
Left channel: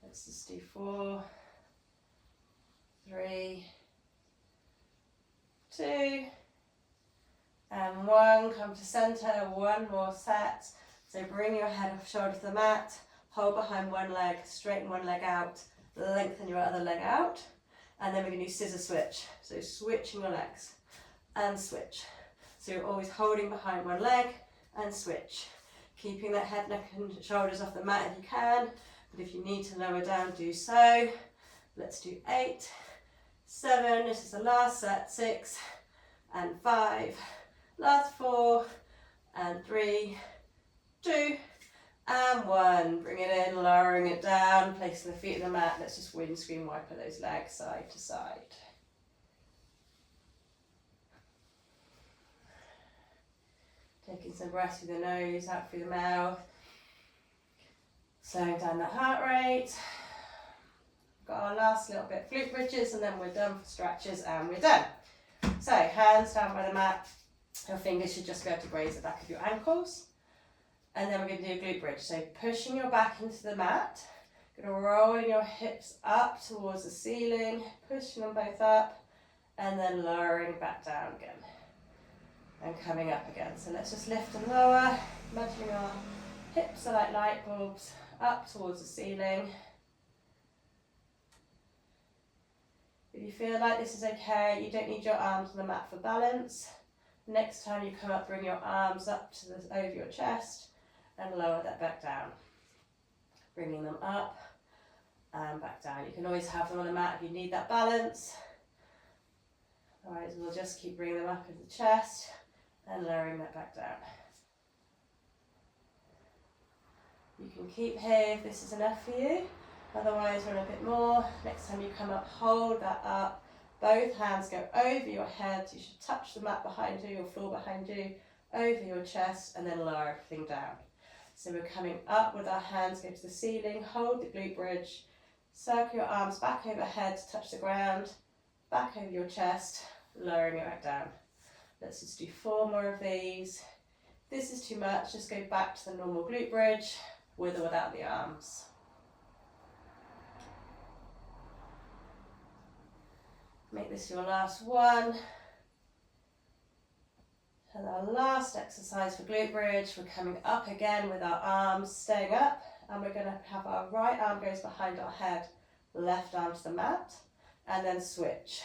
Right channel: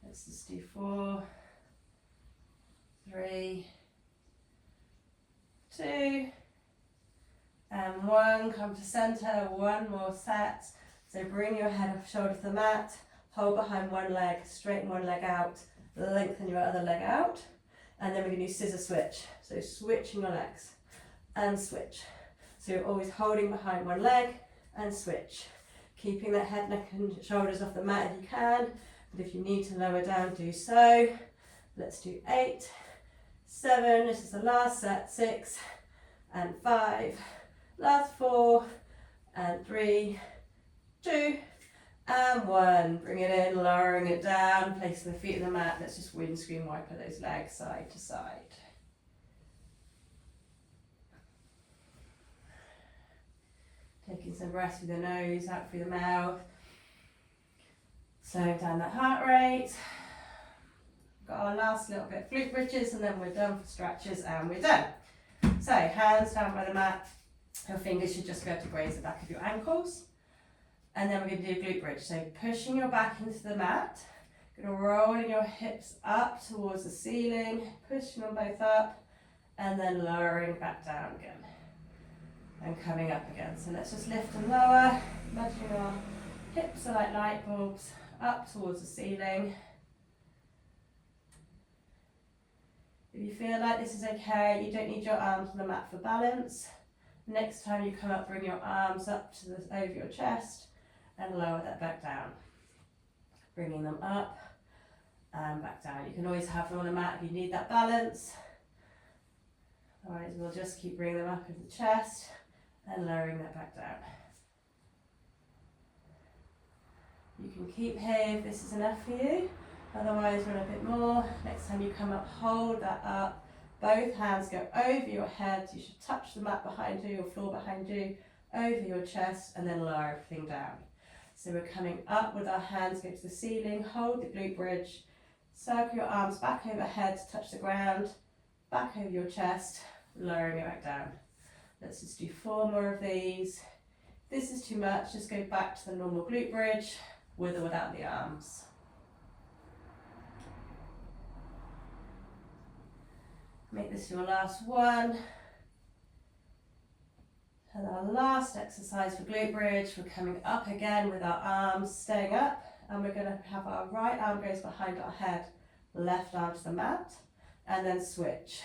Let's just do 4, 3, 2, and 1. Come to center, 1 more set. So bring your head off shoulder to the mat, hold behind one leg, straighten one leg out, lengthen your other leg out, and then we're going to do scissor switch. So switching your legs and switch. So you're always holding behind one leg and switch. Keeping that head, neck and shoulders off the mat if you can, but if you need to lower down, do so. Let's do 8, 7, this is the last set, 6, and 5, last 4, and 3, 2, and 1. Bring it in, lowering it down, placing the feet on the mat. Let's just windscreen wiper those legs side to side. Taking some breaths through the nose, out through the mouth. Slowing down the heart rate. Got our last little bit, glute bridges, and then we're done for stretches, and we're done. So hands down by the mat. Your fingers should just go to graze the back of your ankles. And then we're going to do glute bridge. So pushing your back into the mat. You're going to roll your hips up towards the ceiling, pushing them both up, and then lowering back down again. And coming up again. So let's just lift and lower. Imagining our hips are like light bulbs up towards the ceiling. If you feel like this is okay, you don't need your arms on the mat for balance. Next time you come up, bring your arms up to over your chest and lower that back down. Bringing them up and back down. You can always have them on the mat if you need that balance. Otherwise, we'll just keep bringing them up into the chest and lowering that back down. You can keep here if this is enough for you. Otherwise, run a bit more. Next time you come up, hold that up. Both hands go over your head. You should touch the mat behind you, or floor behind you, over your chest, and then lower everything down. So we're coming up with our hands, go to the ceiling, hold the glute bridge, circle your arms back overhead to touch the ground, back over your chest, lowering it back down. Let's just do 4 more of these. If this is too much, just go back to the normal glute bridge with or without the arms. Make this your last one. And our last exercise for glute bridge, we're coming up again with our arms staying up, and we're going to have our right arm goes behind our head, left arm to the mat, and then switch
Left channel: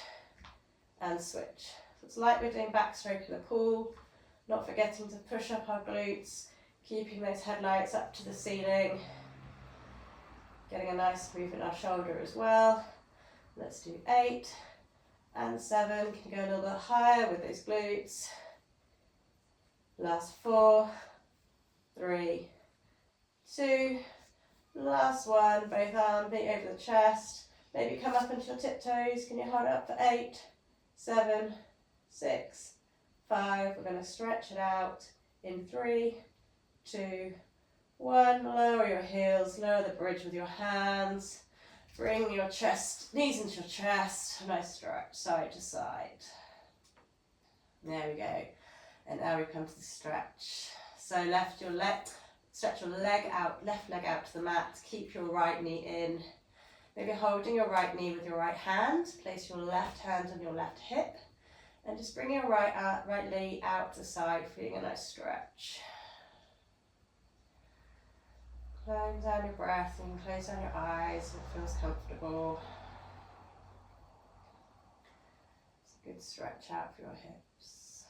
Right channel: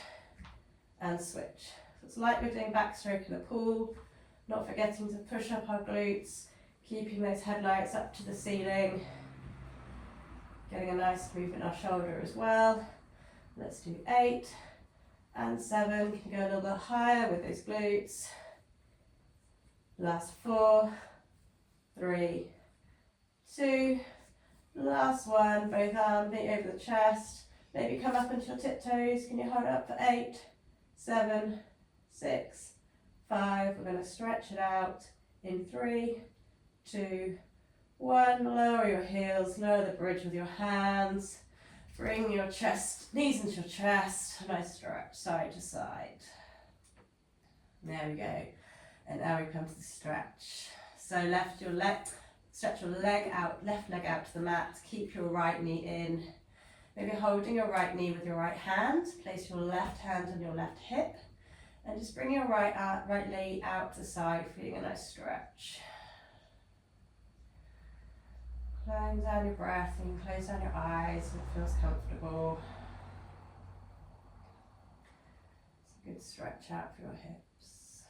and switch. So it's like we're doing backstroke in the pool, not forgetting to push up our glutes, keeping those headlights up to the ceiling, getting a nice move in our shoulder as well. Let's do 8 and 7, can go a little bit higher with those glutes. Last 4, 3, 2, last one, both arms meet over the chest. Maybe come up onto your tiptoes. Can you hold it up for 8, 7, 6, 5. We're going to stretch it out in 3, 2, 1. Lower your heels, lower the bridge with your hands. Bring your chest, knees into your chest. Nice stretch, side to side. There we go. And now we come to the stretch. So stretch your leg out, left leg out to the mat. Keep your right knee in. Maybe holding your right knee with your right hand. Place your left hand on your left hip. And just bring your right knee out to the side, feeling a nice stretch. Close down your breath and close down your eyes if it feels comfortable. It's a good stretch out for your hips.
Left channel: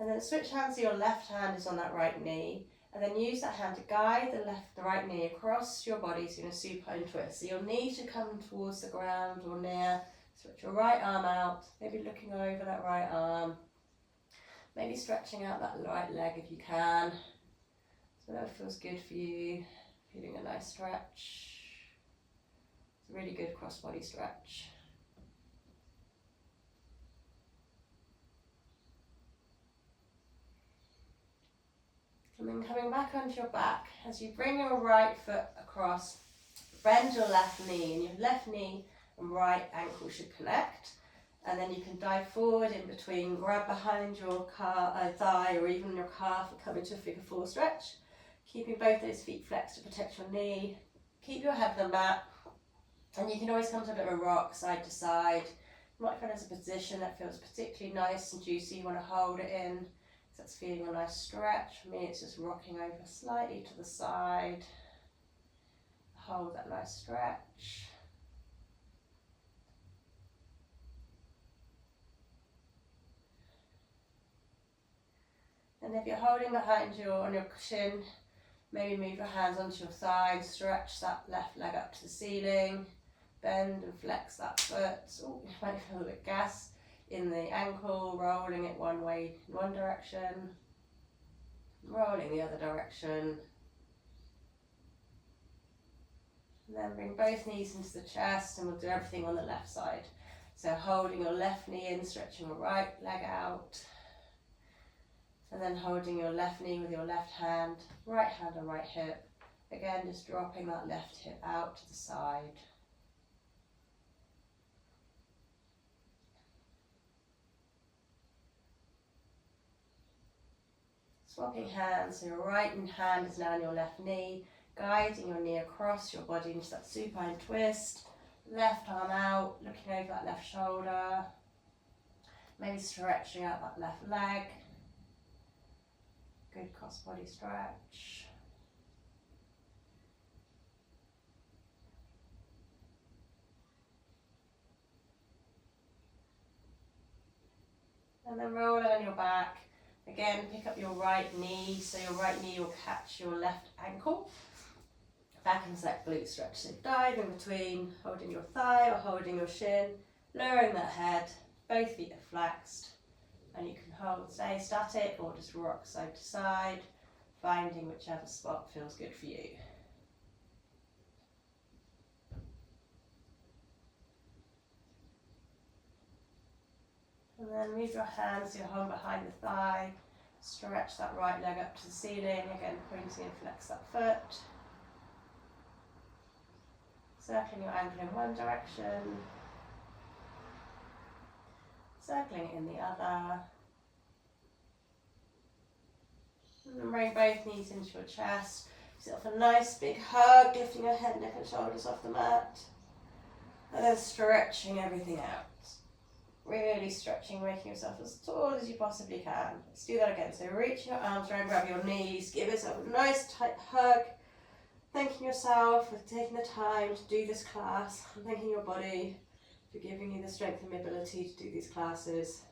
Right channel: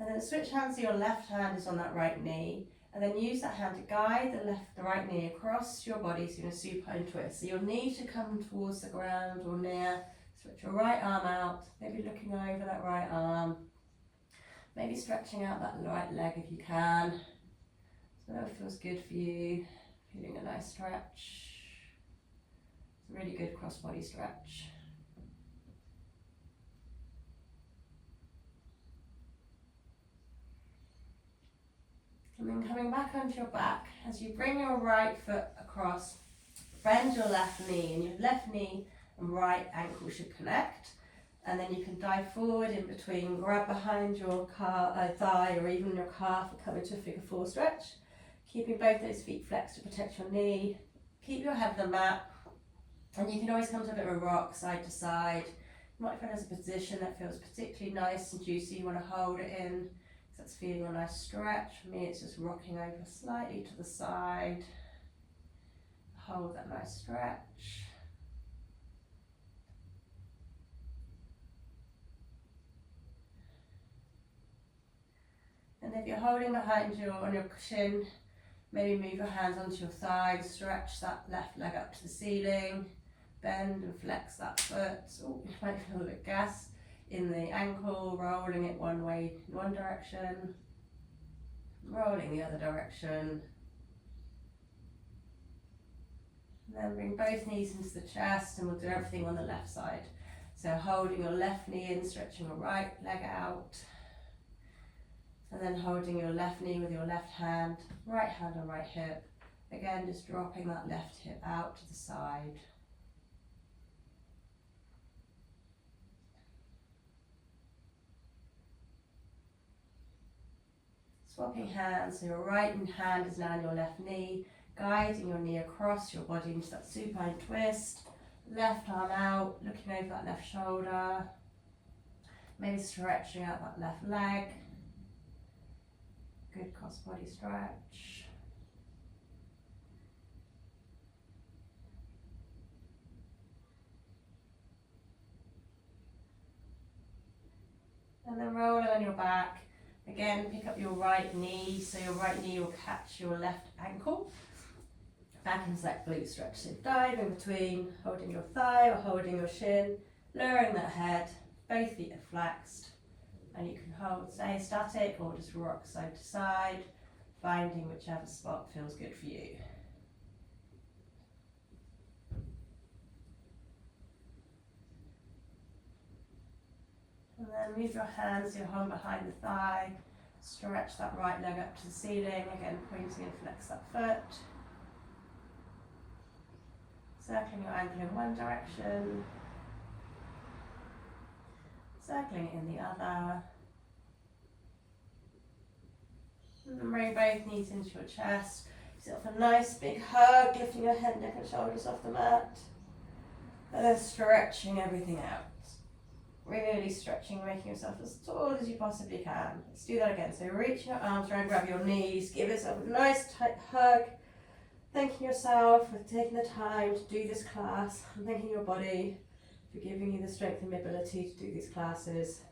And then switch hands so your left hand is on that right knee, and then use that hand to guide the right knee across your body, so you're in a supine twist. So your knee should come towards the ground or near. Stretch your right arm out, maybe looking over that right arm, maybe stretching out that right leg if you can. So that feels good for you, feeling a nice stretch. It's a really good cross body stretch. And then coming back onto your back, as you bring your right foot across, bend your left knee, and your left knee and right ankle should connect. And then you can dive forward in between, grab behind your thigh or even your calf and come into a figure 4 stretch. Keeping both those feet flexed to protect your knee. Keep your head on the mat. And you can always come to a bit of a rock side to side. You might find there's a position that feels particularly nice and juicy. You want to hold it in. That's feeling a nice stretch. For me, it's just rocking over slightly to the side. Hold that nice stretch. And if you're holding behind you on your chin, maybe move your hands onto your thighs, stretch that left leg up to the ceiling, bend and flex that foot. Oh, you might feel a bit gas in the ankle, rolling it one way in one direction, rolling the other direction. And then bring both knees into the chest, and we'll do everything on the left side. So holding your left knee in, stretching your right leg out. And then holding your left knee with your left hand on right hip. Again, just dropping that left hip out to the side. Swapping hands, so your right hand is now on your left knee, guiding your knee across your body into that supine twist. Left arm out, looking over that left shoulder. Maybe stretching out that left leg. Good cross body stretch. And then roll on your back. Again, pick up your right knee, so your right knee will catch your left ankle. Back into that glute stretch. So dive in between, holding your thigh or holding your shin, lowering that head, both feet are flexed. And you can stay static or just rock side to side, finding whichever spot feels good for you. And then move your hands, your hand behind the thigh, stretch that right leg up to the ceiling, again pointing and flex that foot. Circling your ankle in one direction, circling it in the other. And then bring both knees into your chest. Give yourself a nice big hug, lifting your head, neck and shoulders off the mat. And then stretching everything out. Really stretching, making yourself as tall as you possibly can. Let's do that again. So reach your arms around, grab your knees, give yourself a nice tight hug. Thanking yourself for taking the time to do this class. And thanking your body for giving you the strength and ability to do these classes.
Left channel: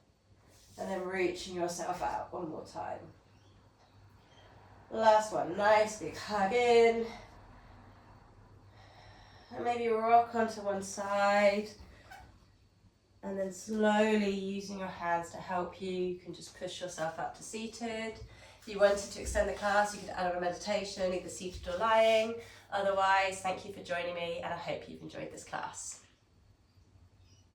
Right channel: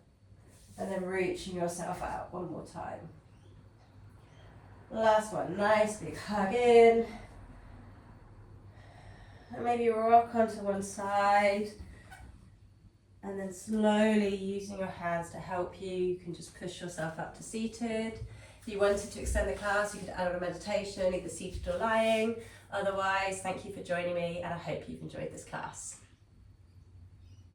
And then reaching yourself out one more time. Last one, nice big hug in. And maybe rock onto one side. And then slowly using your hands to help you, you can just push yourself up to seated. If you wanted to extend the class, you could add on a meditation, either seated or lying. Otherwise, thank you for joining me and I hope you've enjoyed this class.